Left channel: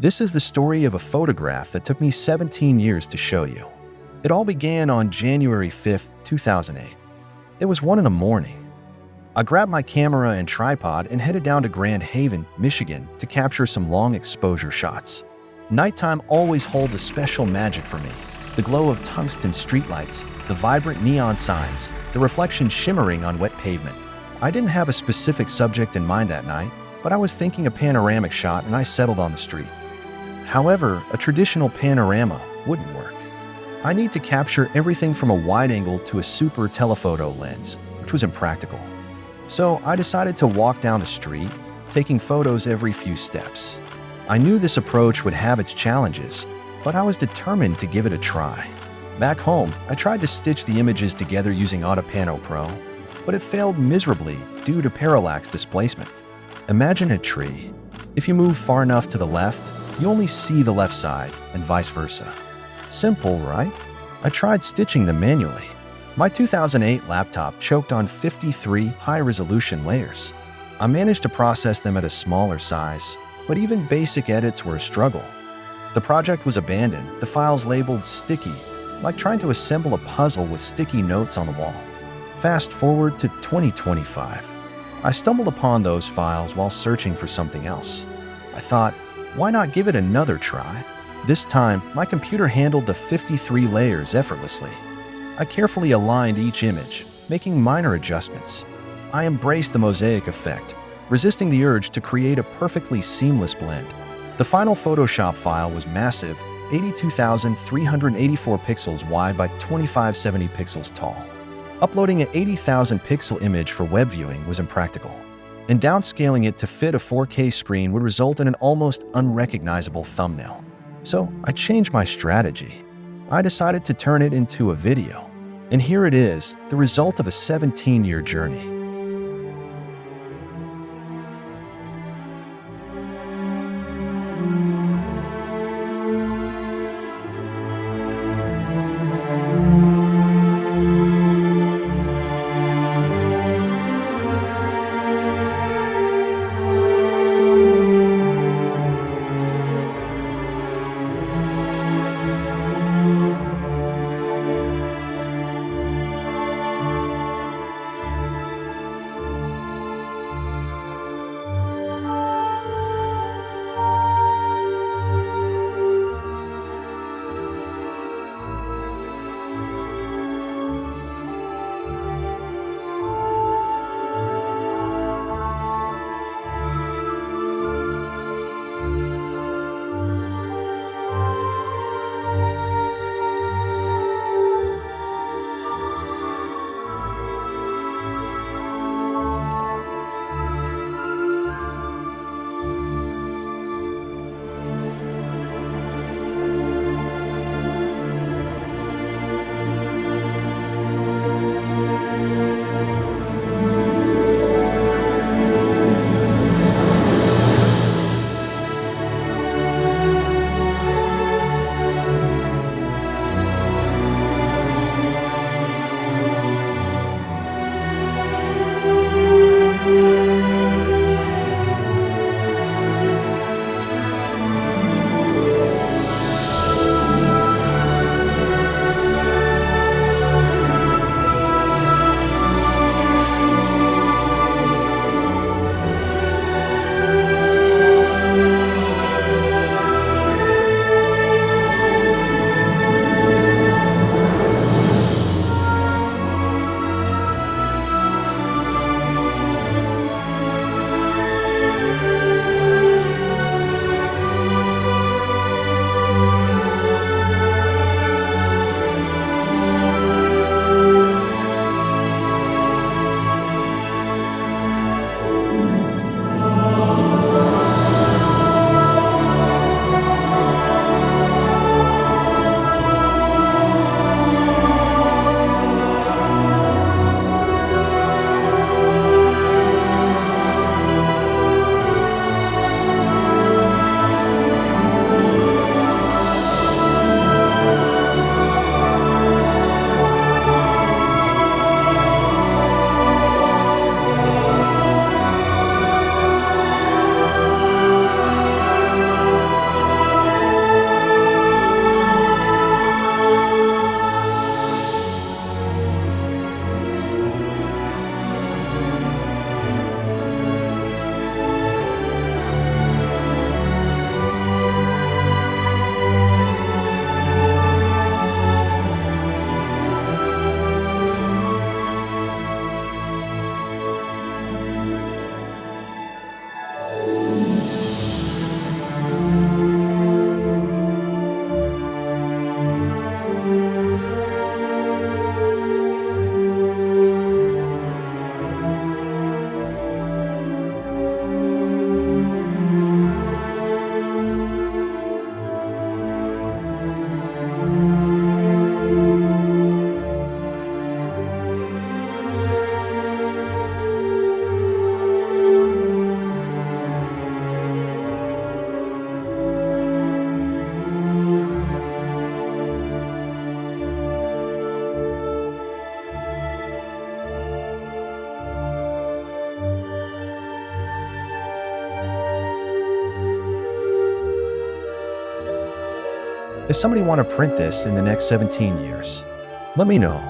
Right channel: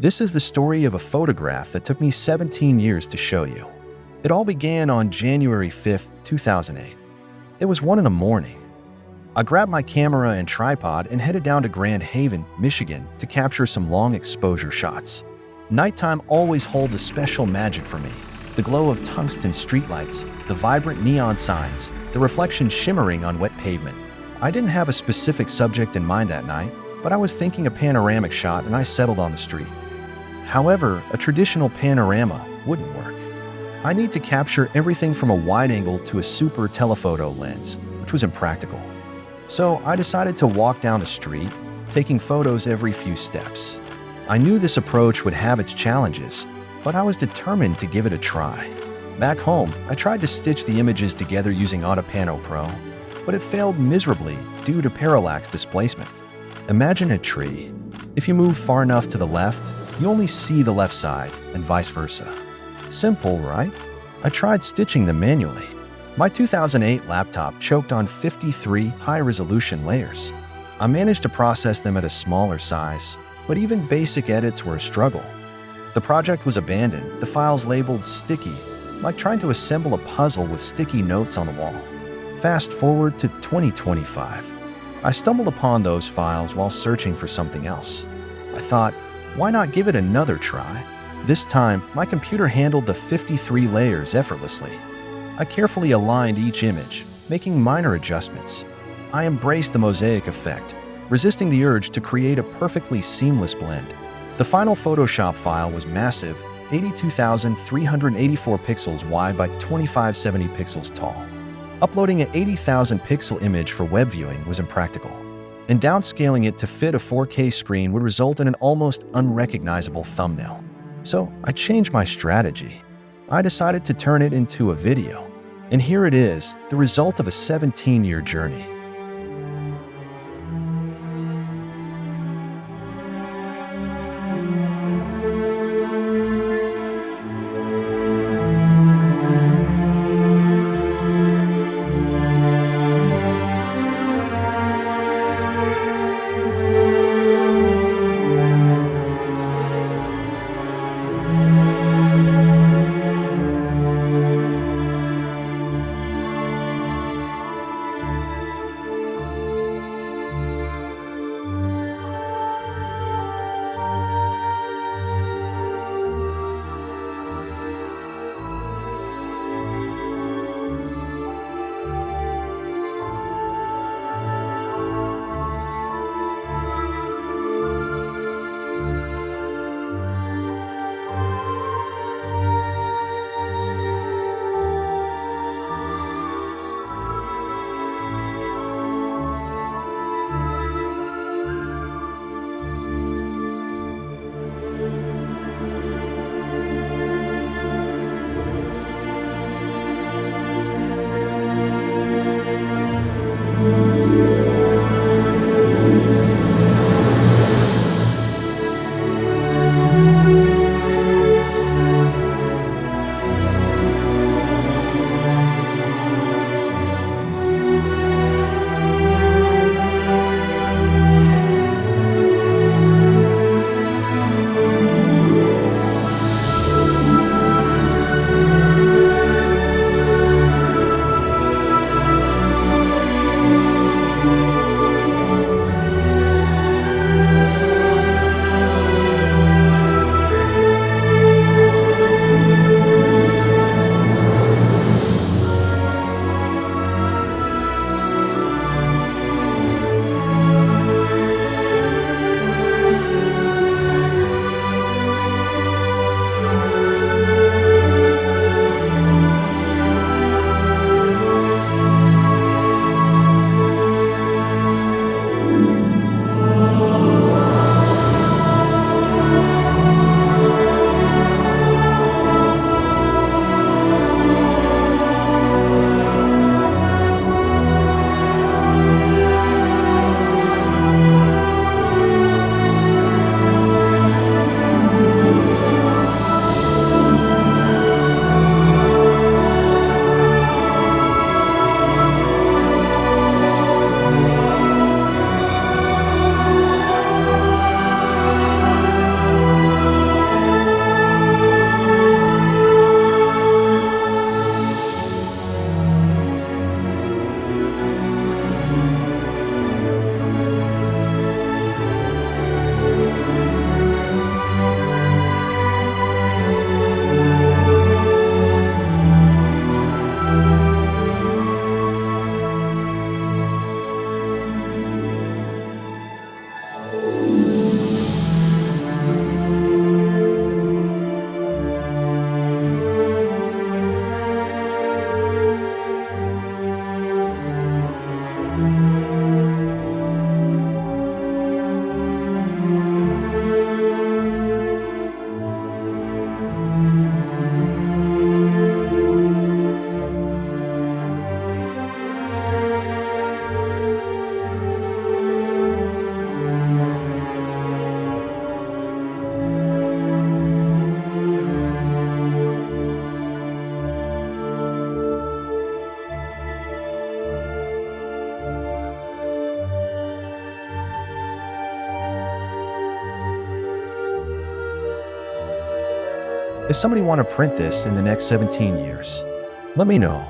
This is the story of a photograph that took me 17 years to show you. It all began on January 5th, 2008. It was 1 in the morning. I grabbed my camera and tripod and headed down to Grand Haven, Michigan to capture some long exposure shots. Nighttime always holds a special magic for me. The glow of tungsten streetlights, the vibrant neon signs, the reflection shimmering on wet pavement. I didn't have a specific subject in mind that night, but I was thinking a panoramic shot and I settled on the street. However, a traditional panorama wouldn't work. I need to capture everything from a wide angle to a super telephoto lens, which was impractical. So I decided to walk down the street, taking photos every few steps. I knew this approach would have its challenges, but I was determined to give it a try. Back home, I tried to stitch the images together using Autopano Pro, but it failed miserably due to parallax displacement. Imagine a tree. If you move far enough to the left, you only see the left side, and vice versa. Simple, right? I tried stitching them manually. My 2008 laptop choked on 53 high-resolution layers. I managed to process them at a smaller size, but even basic edits were a struggle. The project was abandoned, the files labeled sticky, like trying to assemble a puzzle with sticky notes on the wall. Fast forward to 2025. I stumbled upon those files while searching for something else. I thought, why not give it another try? This time, my computer handled the 53 layers effortlessly. I carefully aligned each image, making minor adjustments. I embraced the Mosaic effect, resisting the urge to create a perfectly seamless blend. The final Photoshop file was massive, 82,384 pixels wide by 2570 pixels tall. Uploading an 80,000 pixel image for web viewing was impractical, and downscaling it to fit a 4K screen would result in an almost unrecognizable thumbnail. So I changed my strategy. I decided to turn it into a video. And here it is, the result of a 17-year journey. Does somebody want to print this in the next 17 years? Let me know.